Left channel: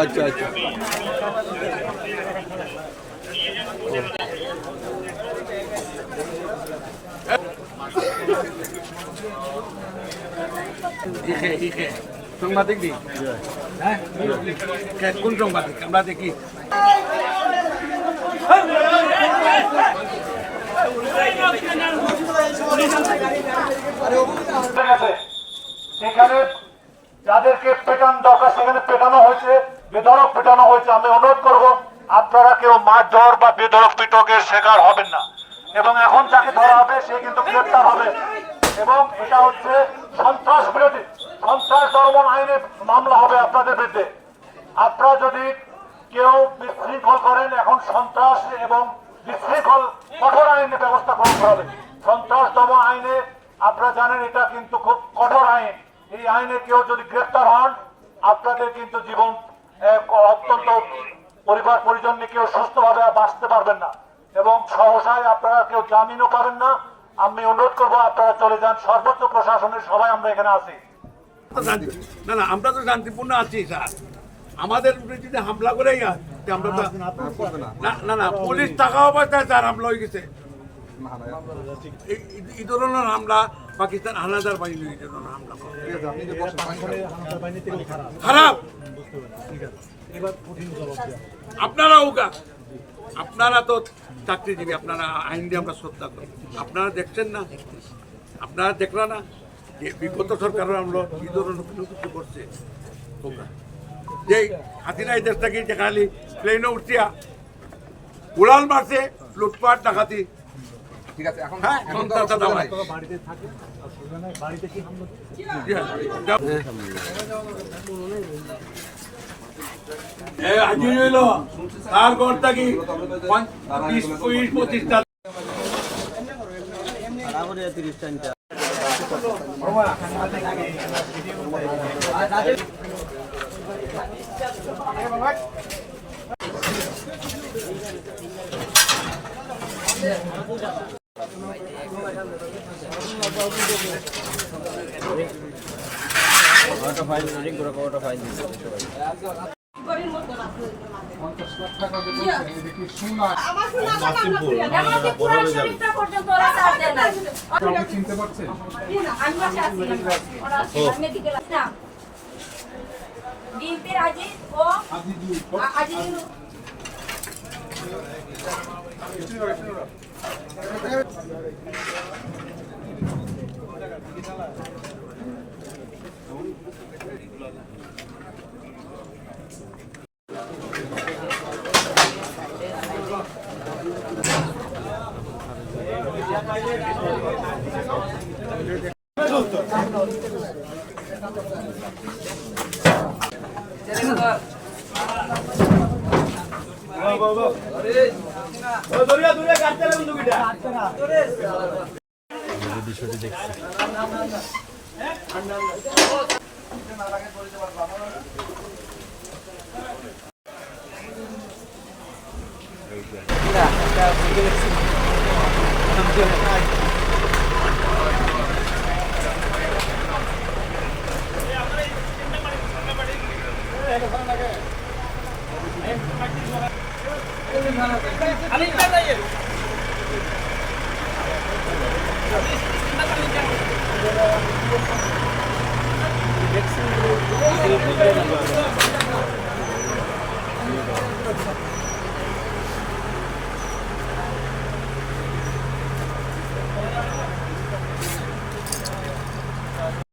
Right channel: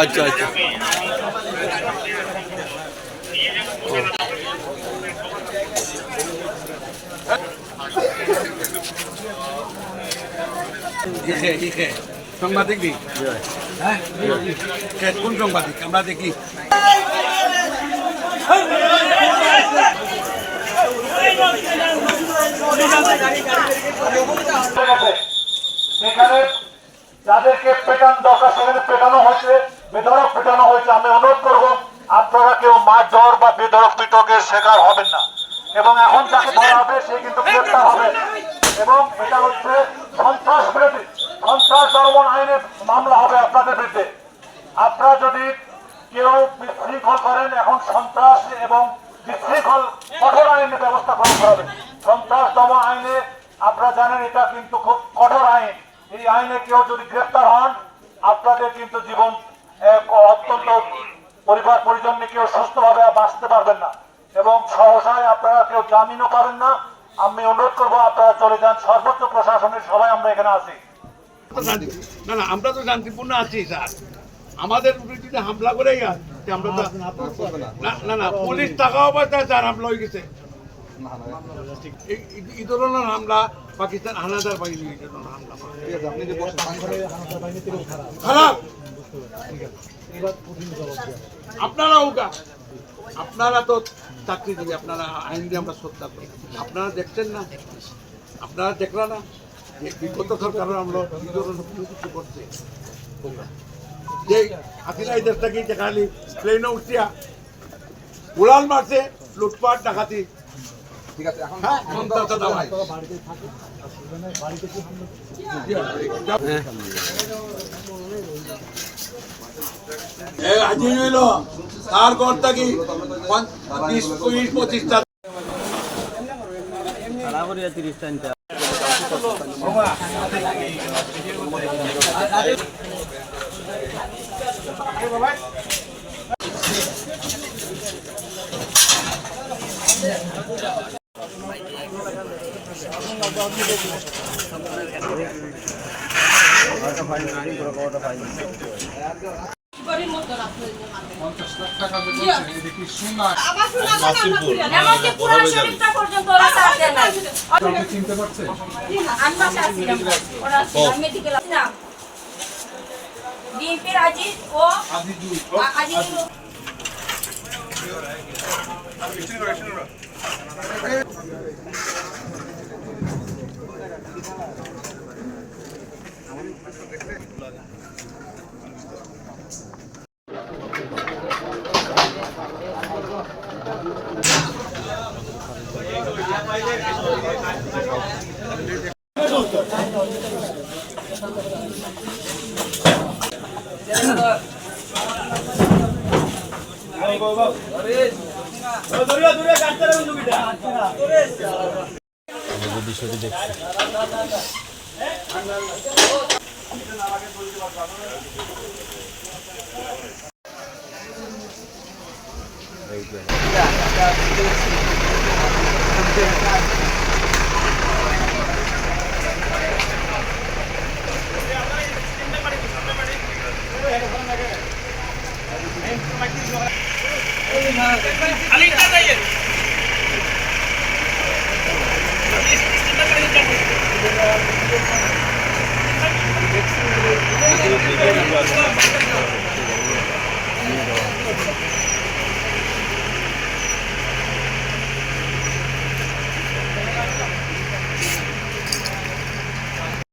আচ্ছা আচ্ছা সাংবাদিক দিই হ্যাঁ কোন সাংবাদিক আমরা দেখি সেখানে যাদেরকে পেটানো দরকার সেখানে পেটানো হয়েছে, বেধড়ক পেটানো হয়েছে। আমি অনুরোধ করবো আপনারা কেউ মারধর বা বেধড়ক পিটকের শিকার হবেন না, এবং এখন যাকে ধরা হবে সে কিন্তু গ্রেপ্তার হবে। এবং এটা হচ্ছে সন্ত্রাস বিরোধী, সন্ত্রাস দমন আইনে মামলা হবে আপনাদের বিরুদ্ধে। আপনারা যদি কেউ বিশৃঙ্খল করেন, এখন সন্ত্রাস এবং বিশৃঙ্খল কঠোর আইনে ব্যবস্থা গ্রহণ করা হবে। সন্ত্রাস দমন আইনে আপনারা জানেন এটা কিন্তু খুব কঠোর আইন। এই আইনে কেউ যদি গ্রেপ্তার হন আপনাদের কিন্তু জীবন অত্যন্ত পরিবার পরিজন নিয়ে কেউ সুস্থভাবে বাঁচতে পারবেন না, এবং সহসায় আপনারা কেউ জামিনও পাবেন না। আমি অনুরোধ করবো আপনারা চলে যান। সর্বোচ্চ প্রশাসনের সবাই আমরা এখানে আছি। না না আমরা তো শান্তিপূর্ণ আছি স্যার, আমাদের যদি হামলা করেই আমরা তো না না পুলিশ টাকা অবস্থায় স্যার হামলা হয়ে গেছে। এই ধরনের হামলা পাকিস্তান হানাদার বাহিনী এই ধরনের হামলা খারাপ। আপনারাও আপনারা তো চাকরিজীবী, আপনারা আইন দিয়ে আমরা শ্রদ্ধা করি। আপনারা দেখছেন না, আপনারা দেখলেন না যে বিগত সরকার আমরা কি ধরনের কিছু করছে। যে হাসিনা এই দেশটাকে যেখানে প্লেনে উঠিয়া উড়াল মারছে, লুটপাট ডাকাতি। হ্যাঁ আজি হইল তার ঘর থাকি 20-25টা চিনতে পারছে Thank you.